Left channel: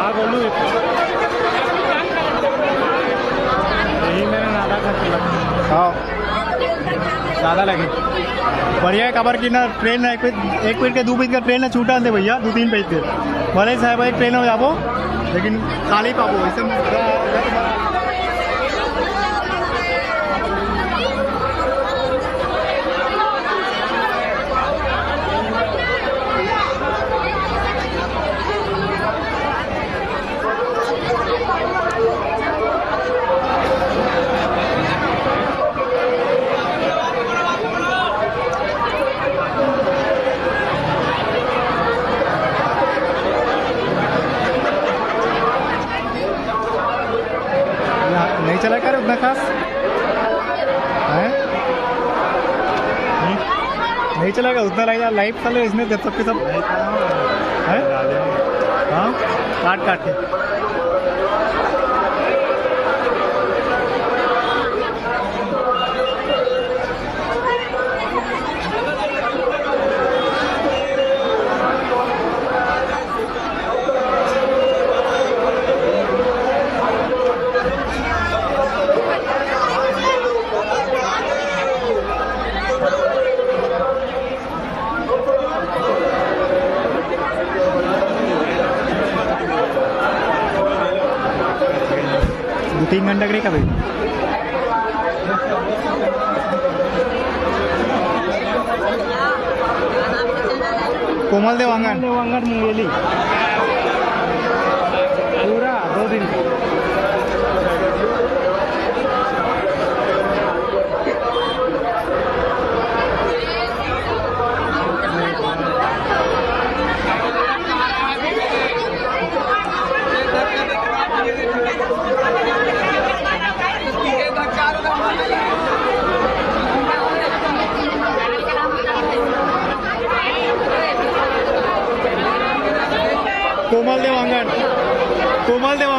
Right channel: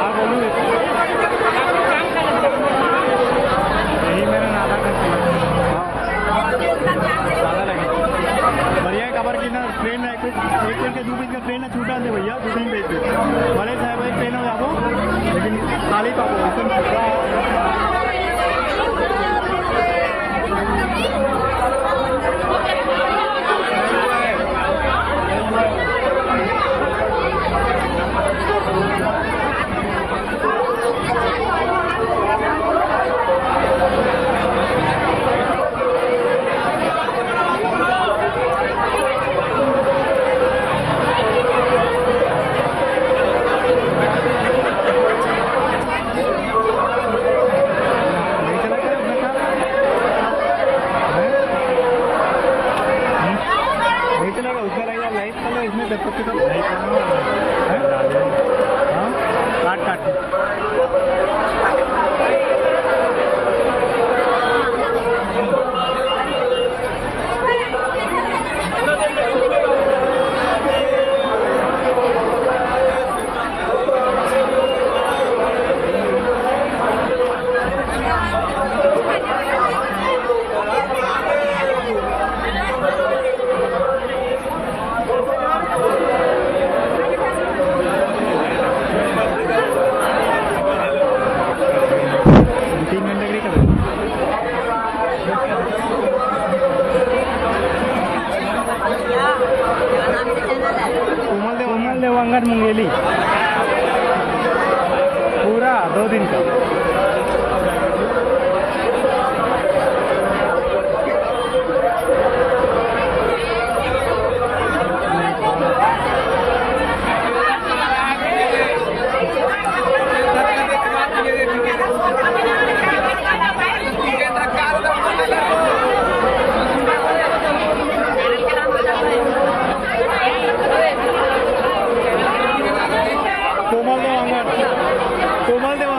हाँ बोलूँ यही मेरा नादा खर्च लगा। हाँ ज़्यादा लगी। बढ़िया है खबर की ना ट्रेन है एक पेज के 2 पेज का ट्रेन है छूटा दे भैया 2-3 पेज पे भले साहब एक ट्रेन हो जाबो लेकिन खाली पाबो ऐसे नहीं चलेगा उतना लगेगा लाइव चलो इसमें जब तक सब भाई हाँ काट काट के तीन घंटे करी कभी कोमल देवांगन मुंगेली पूरा 2 दिन का कोमल देवांगन